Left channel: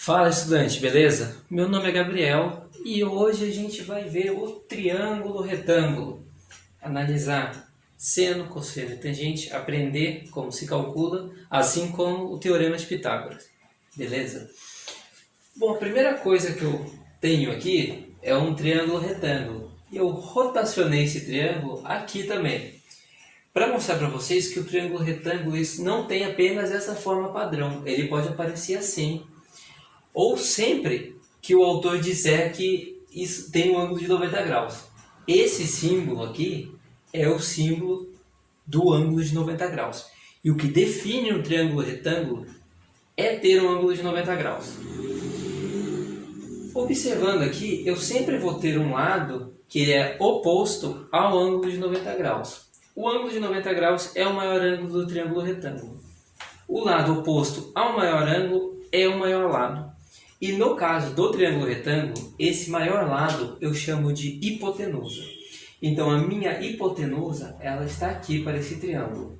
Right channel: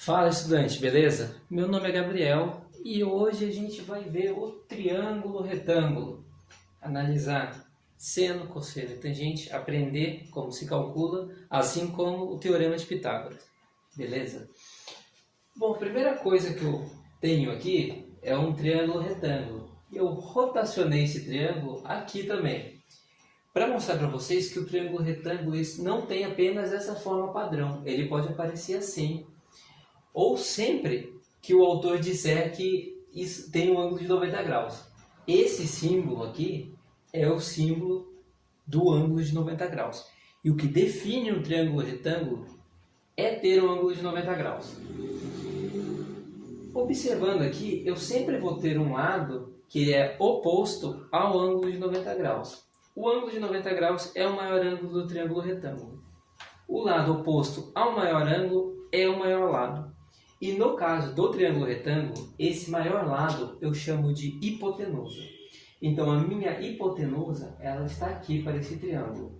Fala, estudante, beleza? Meu nome é Gabriel e hoje a gente vai ver o triângulo retângulo, analisar seno, cosseno e tangente, aprender como se calcula, assim como o teorema de Pitágoras, beleza? Bom, a primeira coisa que eu tenho aqui é um triângulo retângulo e eu rotacionei esse triângulo aqui também, para mostrar para vocês que o triângulo retângulo não tem apenas essa forma padrão, ele pode aparecer assim, ou sempre que o autor disser que isso tem um ângulo de 90 graus. Esse símbolo aqui é o símbolo do ângulo de 90 graus. E o que define um triângulo retângulo é ter um ângulo de 90 graus. Observando aqui, eu sempre vou ter um lado que é oposto ao ângulo de 90 graus. O ângulo de 90 graus é o maior ângulo do triângulo retângulo. O lado oposto ao maior ângulo é o maior lado. E no caso do triângulo retângulo, esse maior lado eu chamo de hipotenusa. Então a minha hipotenusa, ela está aqui para esse triângulo.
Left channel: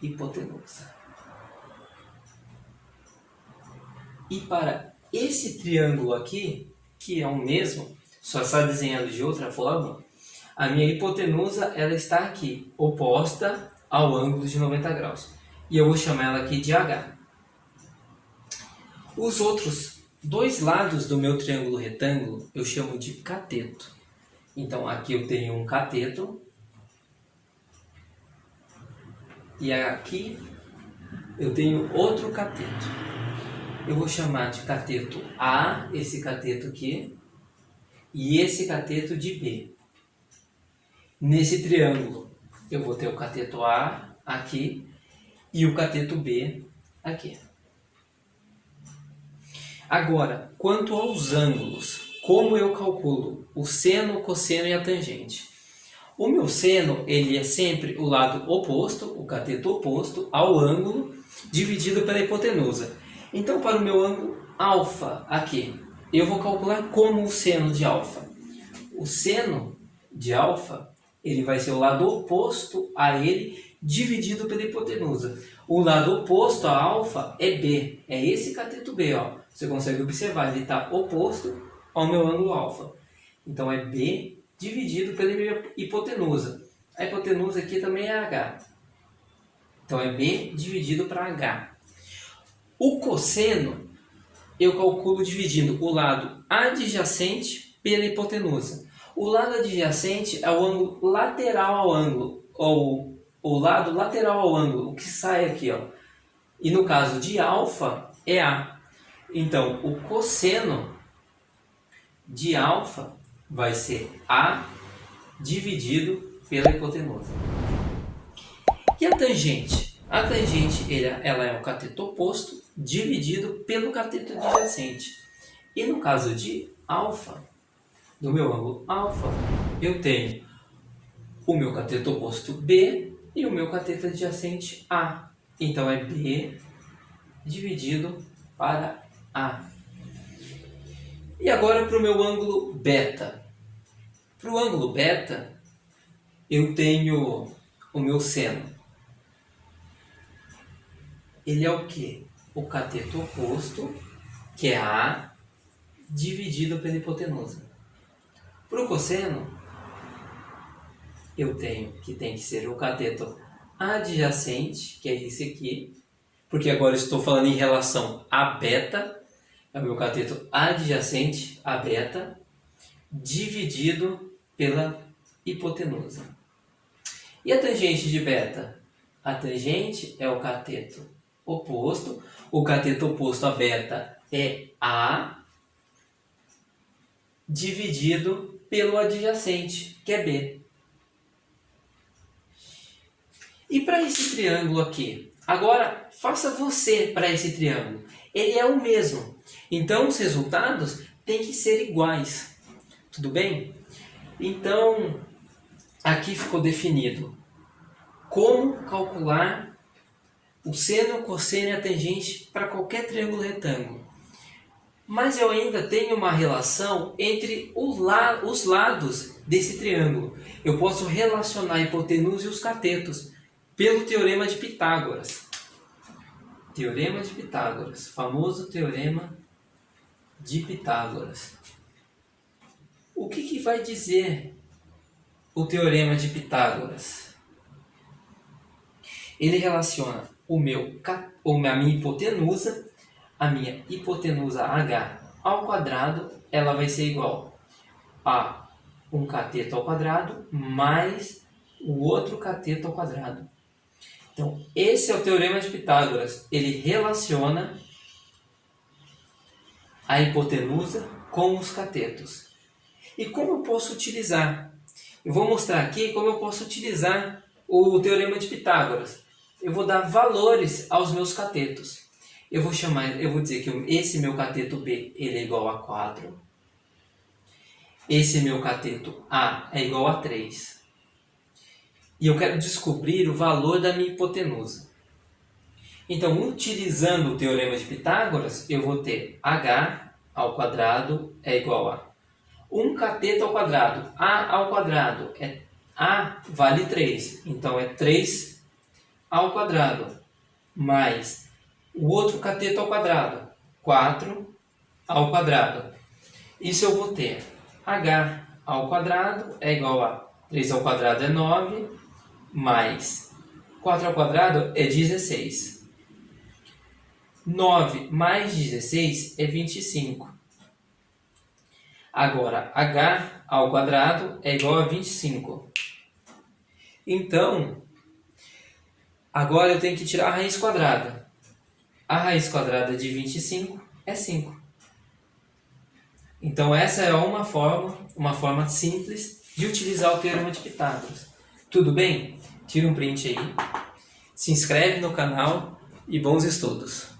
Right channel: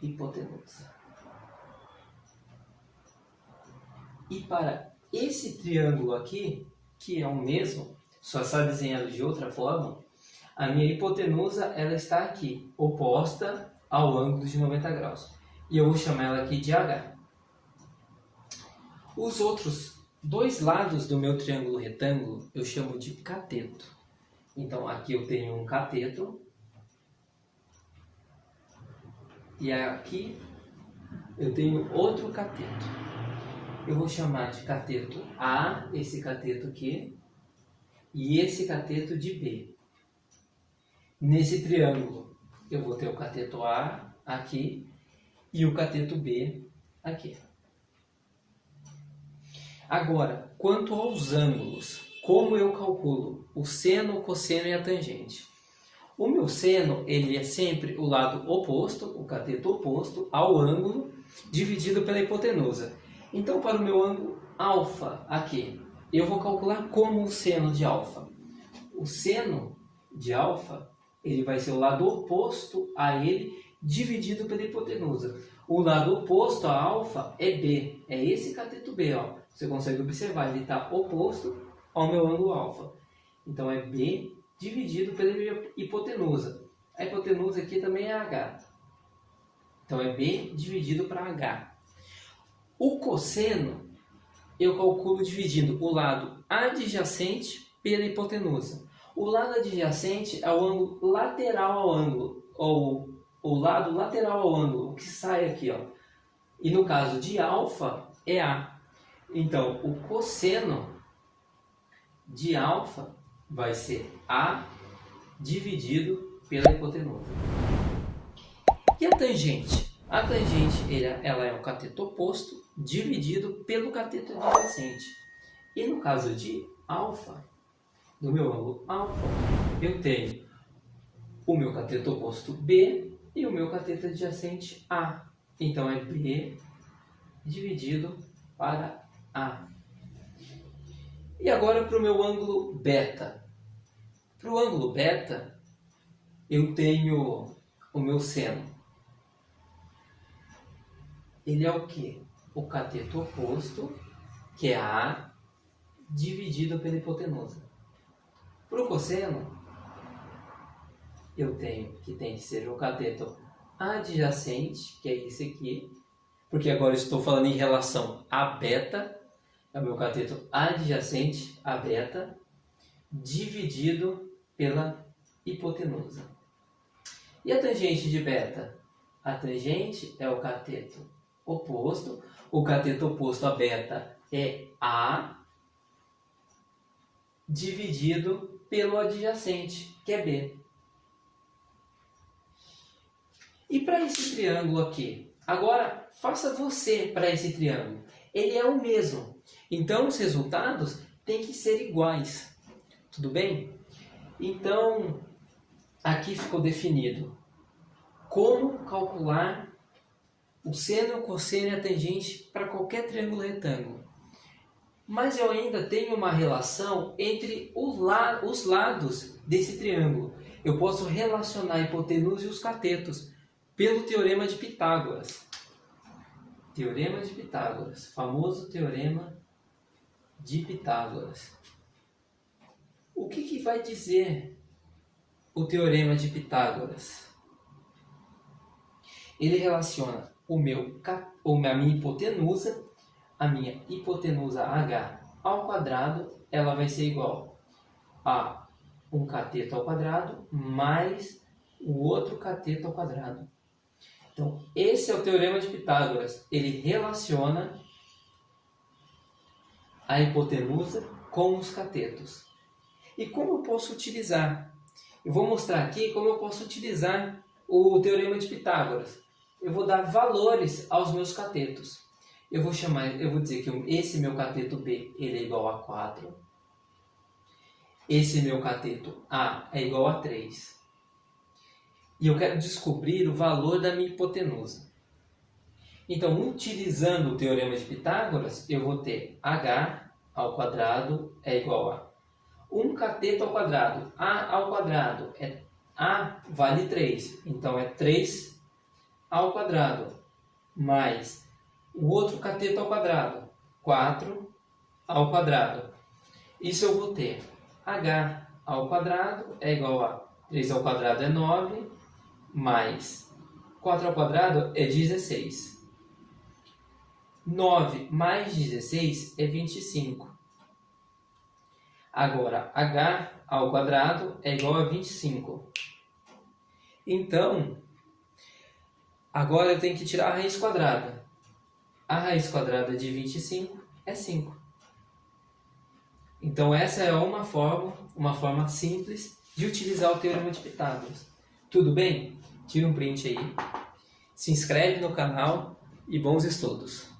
Hipotenusa. E para esse triângulo aqui, que é o mesmo, só está desenhado de outra forma, a minha hipotenusa, ela está aqui, oposta ao ângulo de 90 graus. E eu vou chamar ela aqui de H. Os outros dois lados do meu triângulo retângulo eu chamo de cateto. Então aqui eu tenho um cateto e aqui eu tenho outro cateto. Eu vou chamar de cateto A, esse cateto aqui, e esse cateto de B. Nesse triângulo eu vou ter o cateto A aqui e o cateto B aqui. Agora, quanto aos ângulos, como eu calculo o seno, o cosseno e a tangente? O meu seno, ele é sempre o lado oposto, o cateto oposto, ao ângulo dividido pela hipotenusa. Então, para o meu ângulo alfa aqui, eu vou calcular como o seno de alfa. O seno de alfa, ele vai ser o lado oposto a ele dividido pela hipotenusa. O lado oposto a alfa é B, é esse cateto B, ó. Você consegue observar, ele está oposto ao meu ângulo alfa. Então é B dividido pela hipotenusa. A hipotenusa aqui também é H. Então é B dividido para H. O cosseno eu calculo dividindo o lado adjacente pela hipotenusa. O lado adjacente é o ângulo lateral ao ângulo, ou o lado lateral ao ângulo, que sai aqui, ó. E no caso de alfa é A. Então, o cosseno de alfa vai ser A dividido pela hipotenusa. E a tangente? A tangente ela é um cateto oposto dividido pelo cateto adjacente. E no caso de alfa, do meu ângulo alfa, eu tenho o meu cateto oposto B e o meu cateto adjacente A. Então, é B dividido para A. E agora para o meu ângulo beta. Para o ângulo beta, eu tenho o meu seno. Ele é o quê? O cateto oposto, que é A, dividido pela hipotenusa. Para o cosseno, eu tenho que tem que ser o cateto adjacente, que é esse aqui, porque agora estou falando em relação a beta, é o meu cateto adjacente a beta, dividido pela hipotenusa. E a tangente de beta? A tangente é o cateto oposto. O cateto oposto a beta é A, dividido pelo adjacente, que é B. E para esse triângulo aqui? Agora, faça você para esse triângulo. Ele é o mesmo. Então, os resultados têm que ser iguais. Tudo bem? Então, aqui ficou definido como calcular o seno, o cosseno e a tangente para qualquer triângulo retângulo. Mas eu ainda tenho uma relação entre os lados desse triângulo. Eu posso relacionar a hipotenusa e os catetos pelo teorema de Pitágoras. Teorema de Pitágoras, famoso Teorema de Pitágoras. O que vai dizer o Teorema de Pitágoras? Ele relaciona a minha hipotenusa, h ao quadrado, ela vai ser igual a um cateto ao quadrado mais o outro cateto ao quadrado. Então, esse é o Teorema de Pitágoras. Ele relaciona a hipotenusa com os catetos. E como eu posso utilizar? Eu vou mostrar aqui como eu posso utilizar o Teorema de Pitágoras. Eu vou dar valores aos meus catetos. Eu vou dizer que esse meu cateto B ele é igual a 4. Esse meu cateto A é igual a 3. E eu quero descobrir o valor da minha hipotenusa. Então, utilizando o Teorema de Pitágoras, eu vou ter h ao quadrado é igual a 1 cateto ao quadrado. A ao quadrado, A vale 3, então é 3 ao quadrado, mais o outro cateto ao quadrado, 4 ao quadrado. Isso eu vou ter h ao quadrado é igual a 3 ao quadrado é 9, mais 4 ao quadrado é 16. 9 mais 16 é 25. Agora, h ao quadrado é igual a 25. Então, agora eu tenho que tirar a raiz quadrada. A raiz quadrada de 25 é 5. Então, essa é uma forma simples de utilizar o Teorema de Pitágoras. Tudo bem? Tira um print aí, se inscreve no canal e bons estudos!